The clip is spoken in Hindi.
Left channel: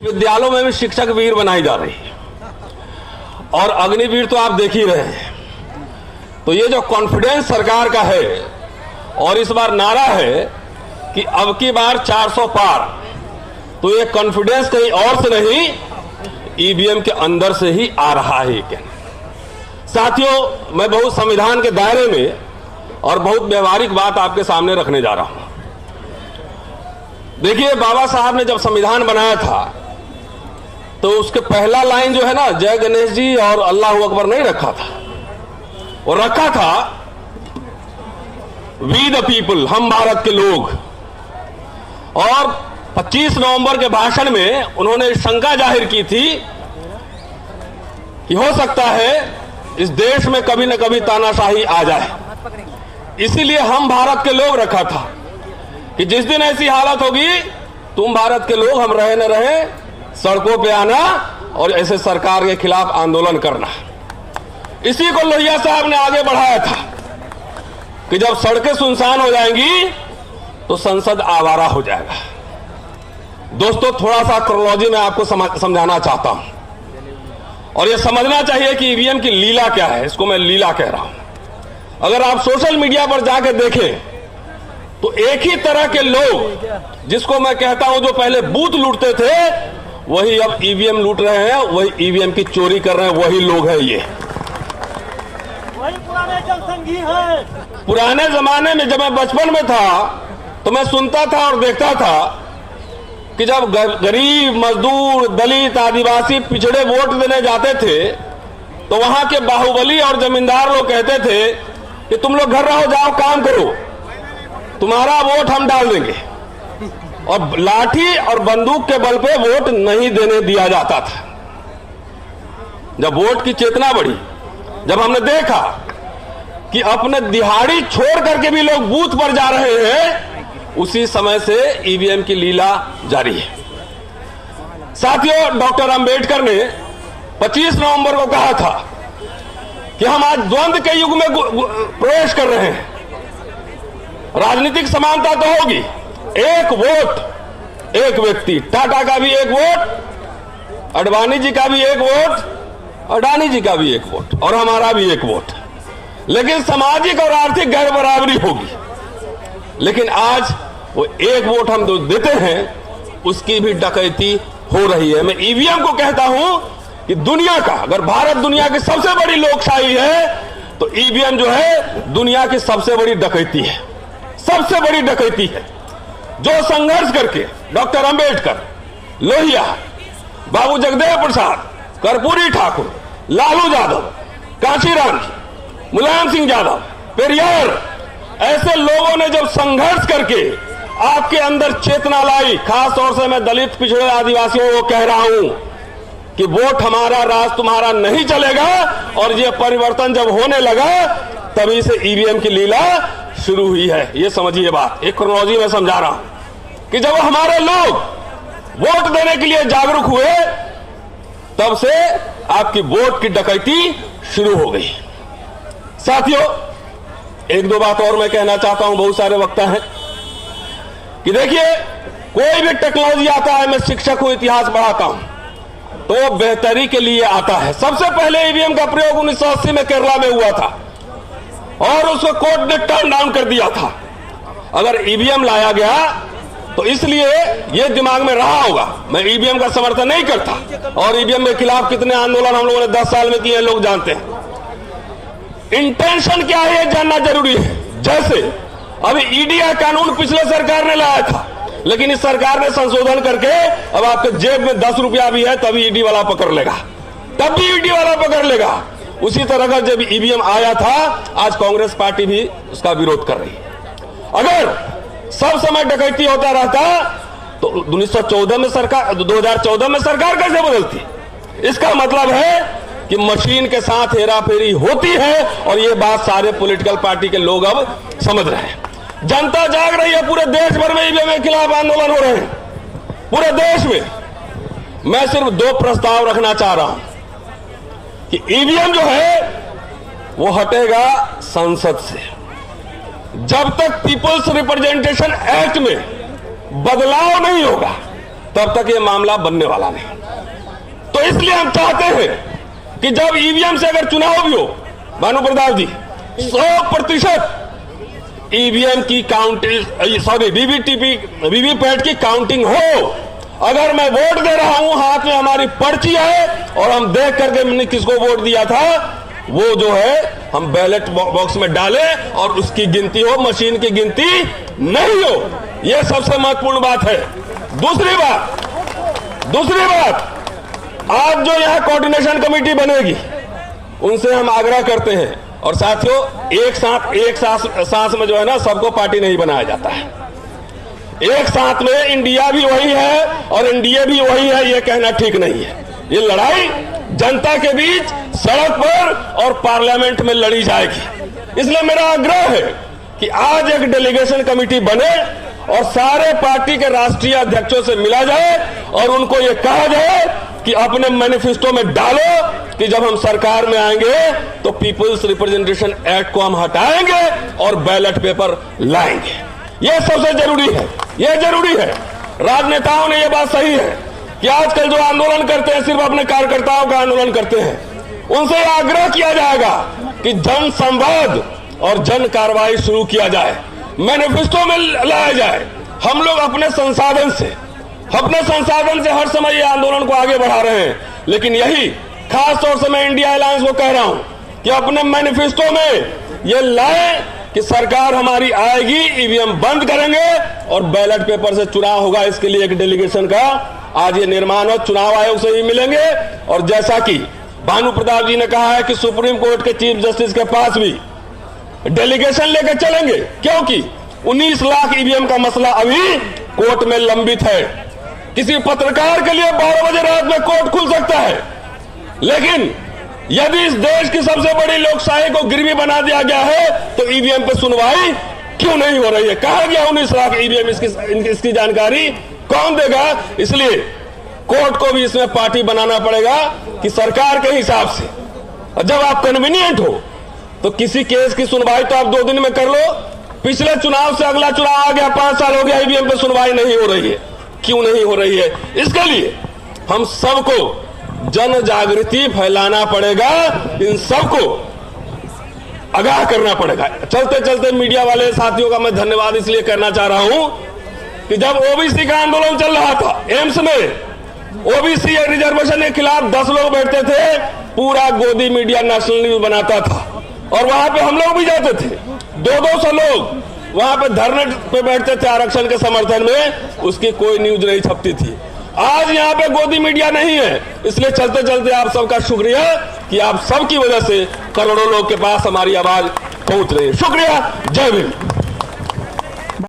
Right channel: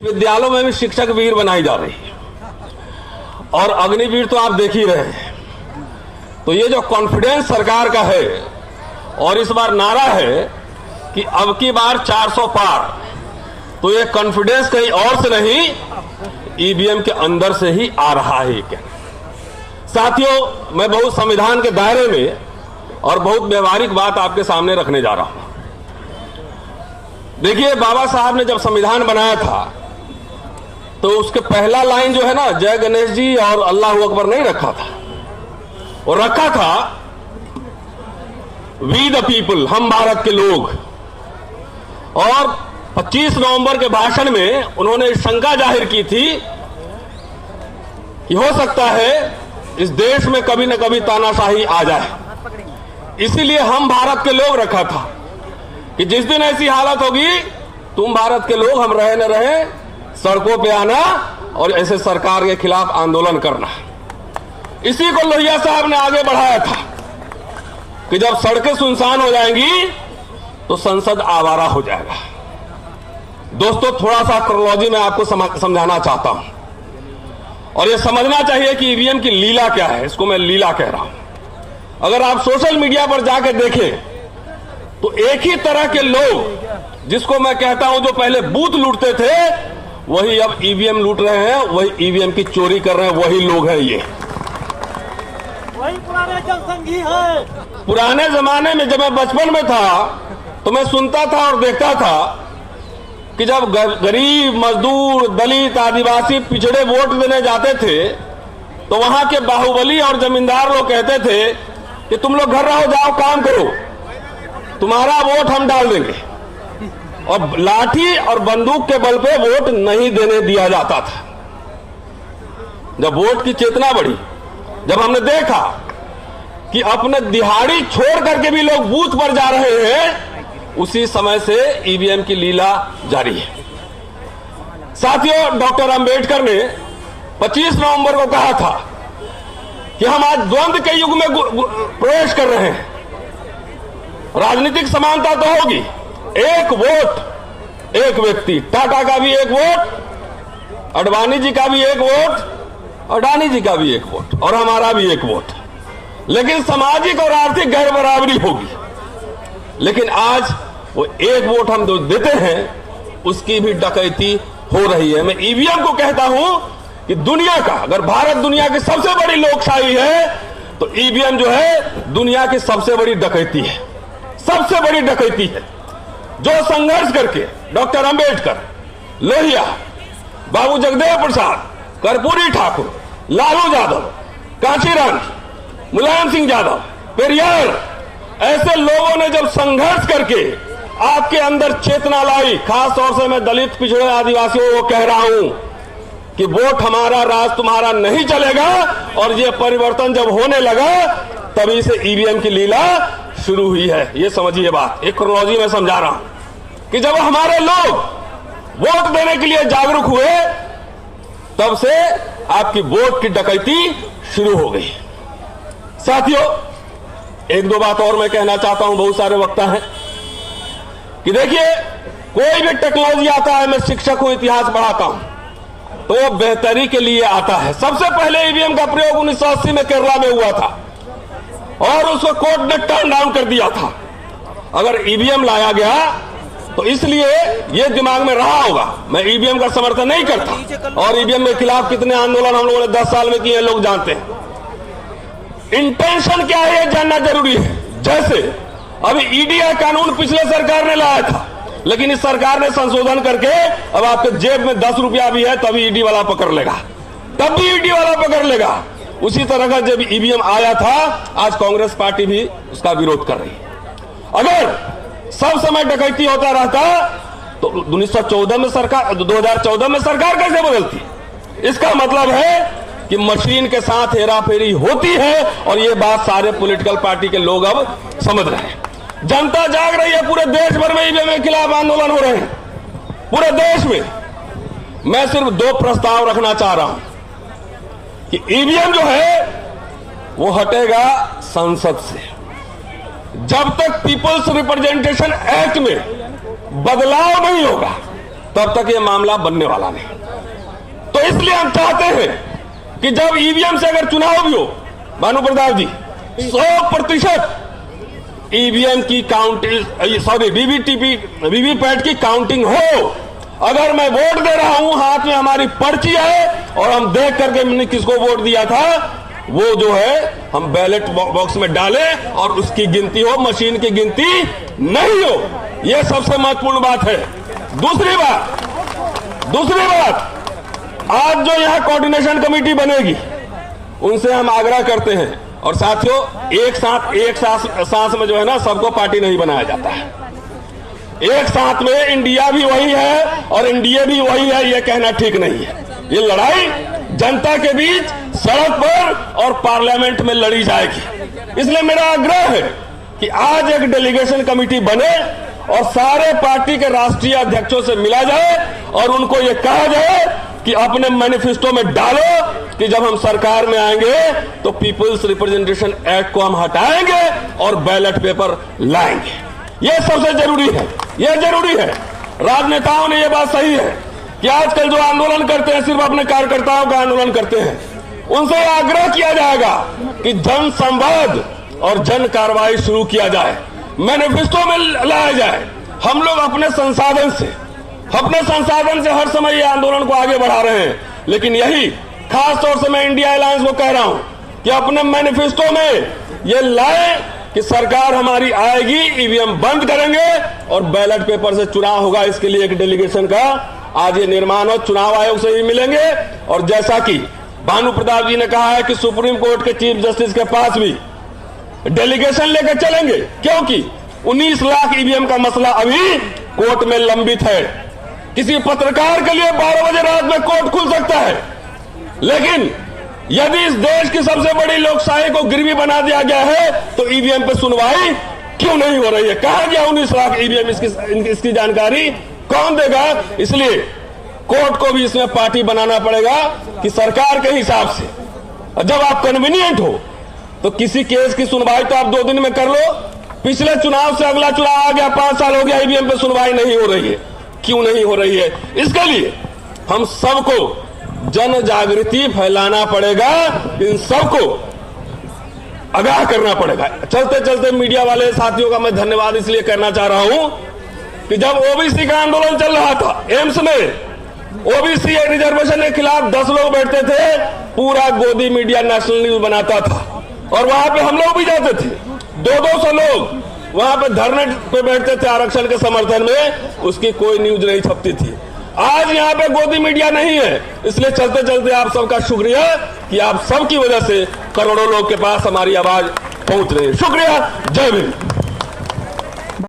विद्यालयों में भी शिक्षक वीर बनाई जा रही है और अग्निवीर तो आप देख ही रहे हैं। तो ये जो कॉन्फिडेंस सरकार का है और इस बार नारा है कि अब की बार 400 पार, तो ये कॉन्फिडेंस कहीं और से नहीं ईवीएम के अंदर से ही आ रहा है। क्या साथियों, मैं बहुत संविधान के दायरे में और बहुत व्यवहारिक बात आपके सामने रखने जा रहा हूं। देखिए, बाबा साहब ने जब संविधान बनाया था तो उसके पहला लाइन जो है ना, जय गणेश जी और अल्लाह अकबर नहीं रखा था, वो रखा था वी द पीपल, हम भारत के लोग। और 25 नवंबर के भाषण में उन्होंने शंका जाहिर की थी कि हो सकता है इस देश में कभी न कभी तानाशाही आ जाए, इसीलिए हम भारत के लोग रखा था कि जिस दिन ऐसी हालत होगी तुम भारत के लोग, हम रहे न रहे, सड़कों पे आना और ऐसे सरकार के खिलाफ आंदोलन करना। इसी को लोहिया साहब ने आगे बढ़ाया था कि जब सड़कें सुनसान हो जाएंगी तो संसद आवारा हो जाएगा। दोस्तों, थोड़ा सा क्रोनोलॉजी में आपको समझाना चाहता हूं और ये समझना चाहिए कि ईवीएम की लीला क्या है। इसको मैं लीला कह रहा हूं। अगर आप सोशल मीडिया पर जाके देखें तो एक ही तरह के लोग, जिसको मैं कहता हूं जो पहले बूथ लूटते थे, वही अब ईवीएम लूट रहे हैं, वही ईवीएम की चोरी कर रहे हैं, वही लोग हैं ये। वही पुराने जनसंघी है। पुराने जमाने में जब मैं बचपन में था तो मैं सुनता था और देखता था कि जब गरीब, मजदूर, दलित, आदिवासी, पिछड़े वोट देने जाते थे तो वहां के बाहुबली और जमींदार लोग कहते थे कि तुम लोग घर रहो, जाओ काम करो, तुम्हारा वोट हम डाल देंगे। और लाठी और बंदूक के बल पे वोट नहीं देने दिया जाता था। जब वोट की चेतना बढ़ी, जब हमने देखा कि अपने दिहाड़ी छोड़ करके भी लोग बूथ पर जा रहे हैं, उसी समय से ईवीएम की लीला जारी है। साथियों, डॉक्टर अंबेडकर ने 25 नवंबर को कहा था कि हम आज द्वंद्व के युग में प्रवेश कर रहे हैं। राजनीतिक समानता तो होगी, एक वोट एक व्यक्ति, टाटा का भी एक वोट, अडवाणी जी का भी एक वोट, अडानी जी का भी एक वोट और हमारा भी एक वोट, लेकिन सामाजिक और आर्थिक गैर बराबरी होगी। लेकिन आज वो एक वोट हम जो देते हैं उसकी भी डकैती हो रही है। मैं ईवीएम को कहता हूं कि दुनिया का, अगर भारत दुनिया की सबसे बड़ी लोकशाही है तो ईवीएम जो है दुनिया की सबसे बड़ी डकैती है, सबसे बड़ी डकैती है। जो संघर्ष करके डॉक्टर अंबेडकर, लोहिया, बाबू जगदेव प्रसाद, कर्पूरी ठाकुर, लालू यादव, काशीराम, मुलायम सिंह यादव, पेरियार, ऐसे लोगों ने जब संघर्ष करके आपके अंदर चेतना लाई, खास तौर से मैं दलित, पिछड़े, आदिवासियों को कह रहा हूं कि वोट हमारा, राज तुम्हारा नहीं चलेगा। और ये परिवर्तन जब होने लगा तभी से ईवीएम की लीला शुरू हुई है। ये समझिए बात, एक क्रोनोलॉजी में समझा रहा हूं कि जब हमारे लोग वोट देने के लिए जागरूक हुए तब से आपकी वोट की डकैती शुरू हो गई। साथियों, एक दो बात और मैं कहना चाहता हूं, बहुत सारे वक्ता हैं कि देखिए, कोई भी टेक्नोलॉजी आता है, मैं शिक्षक हूं, इतिहास पढ़ाता हूं, तो बेहतरी के लिए आता है। सबसे पहले ईवीएम का प्रयोग 1980 में केरला में हुआ था और उसको कोर्ट ने टर्न डाउन कर दिया था। अगर ईवीएम लाया गया तो इसलिए ये दिमाग में रहा होगा। मैं ईवीएम का समर्थन नहीं करता और ईवीएम के खिलाफ कितने आंदोलन हम लोगों ने 10 साल में किए, लोग जानते हैं। इंटेंशन क्या है ये जानना जरूरी है। जैसे अभी ईडी का कानून पिछले सरकार ने लाया था, लेकिन इस सरकार ने संशोधन करके अब आपके जेब में 10 रुपया भी है तभी ईडी वाला पकड़ लेगा, तब भी ईडी वाला पकड़ लेगा। उसी तरह का जब ईवीएम आया था, आज कांग्रेस पार्टी भी उसका विरोध कर रही है। अगर सब समय डकैती होता रहता तो 2014 में सरकार कैसे बदलती? इसका मतलब है कि मशीन के साथ हेराफेरी होती है और ये बात सारे पॉलिटिकल पार्टी के लोग अब समझ रहे हैं। जनता जाग रही है, पूरे देश भर में ईवीएम के खिलाफ आंदोलन हो रहे हैं, पूरे देश में। मैं सिर्फ 2 प्रस्ताव रखना चाह रहा हूं कि ईवीएम जो है वो हटेगा संसद से। जब तक पीपल्स रिप्रेजेंटेशन एक्ट में बदलाव नहीं होगा, तब तक ये मामला बनने वाला नहीं। तो इसलिए हम चाहते हैं कि जब ईवीएम से अगर चुनाव भी हो, भानु प्रताप जी, 100% ईवीएम की काउंटिंग, सॉरी वीवीपैट की काउंटिंग हो। अगर मैं वोट दे रहा हूं, हाथ में हमारी पर्ची है और हम देख करके हमने किसको वोट दिया था, वो जो है हम बैलेट बॉक्स में डालें और उसकी गिनती हो, मशीन की गिनती नहीं हो। यह सबसे महत्वपूर्ण बात है। दूसरी बात, आज जो यहां कोऑर्डिनेशन कमेटी बनेगी, उनसे हम आग्रह करते हैं, और साथियों, एक सांस में जो है ना, सबको पार्टी नहीं बनाया जाता है। एक साथ में इंडिया भी वही है और एनडीए भी वही है, यह कहना ठीक नहीं है। ये लड़ाई जनता के बीच, सड़क पर और पार्लियामेंट में लड़ी जाएगी। इसलिए मेरा आग्रह है कि आज एक डेलीगेशन कमेटी बने और सारे पार्टी के राष्ट्रीय अध्यक्षों से मिला जाए और उनको ये कहा जाए कि अपने मैनिफेस्टो में डालो कि जब हम सरकार में आएंगे तो पीपुल्स रिप्रेजेंटेशन एक्ट को हम हटाएंगे और बैलेट पेपर लाएंगे। यह सबसे जरूरी है, यह जरूरी है। राजनेताओं ने यह बात सही है कि आजकल जो आंदोलन करते हैं, सिर्फ अपने कार्यकर्ताओं का आंदोलन करते हैं। उनसे यह आग्रह किया जाएगा कि जन संवाद और जन कार्रवाई शुरू किया जाए, मैनिफेस्टो में लाया जाए। हम लोग अपने संसाधन से हर समय ये आंदोलन को आगे बढ़ा रहे हैं, लेकिन यही खास तौर से मैं इंडिया अलायंस को कह रहा हूं कि अपने मैनिफेस्टो में ये लाए कि सरकार हमारी आएगी, ईवीएम बंद करेंगे और बैलेट पेपर से चुनाव होगा। इसके लिए एक डेलीगेशन का आज ये निर्माण हो, चुनाव आयोग से भी मिलेंगे। और जैसा कि भानु प्रताप जी ने कहा है कि सुप्रीम कोर्ट के चीफ जस्टिस के पास भी डेलीगेशन लेकर चलेंगे, क्योंकि 19 लाख ईवीएम का मसला अभी कोर्ट में लंबित है। किसी पत्रकार के लिए 12 बजे रात में कोर्ट खुल सकता है, लेकिन यदि इस देश की सबसे बड़ी लोकशाही को गिरवी बना दिया गया है तो ईवीएम पे सुनवाई क्यों नहीं हो रही है? कहा गया 19 लाख ईवीएम, इसकी जानकारी कौन देगा? इसलिए कोर्ट को भी इसमें पार्टी बनाना पड़ेगा कि सरकार के हिसाब से जब आप कन्वीनियंट हो तो किसी केस की सुनवाई तो आप 2 दिन में कर लो। पिछले चुनाव से अगला चुनाव आ गया, 5 साल हो गया, ईवीएम पे सुनवाई नहीं हो रही है। क्यों नहीं हो रही है? इसके लिए हम सबको जन जागृति फैलाना पड़ेगा, इन सबको आगाह करना पड़ेगा। चलते चलते मीडिया वाले साथियों का मैं धन्यवाद इसलिए करना चाह रहा हूं कि जब ओबीसी का आंदोलन चल रहा था, एम्स में ओबीसी रिजर्वेशन के खिलाफ 10 लोग बैठते थे, पूरा गोदी मीडिया नेशनल न्यूज बनाता था और वहां पे हम लोग भी जाते थे। 200 लोग वहां पे धरने पे बैठते थे आरक्षण के समर्थन में, उसकी कोई न्यूज नहीं छपती थी। आज यहाँ पे गोदी मीडिया नहीं है, इसलिए चलते चलते आप सबका शुक्रिया कि आप सबकी वजह से करोड़ों लोग के पास हमारी आवाज पहुंच रही है। शुक्रिया, जय भीम।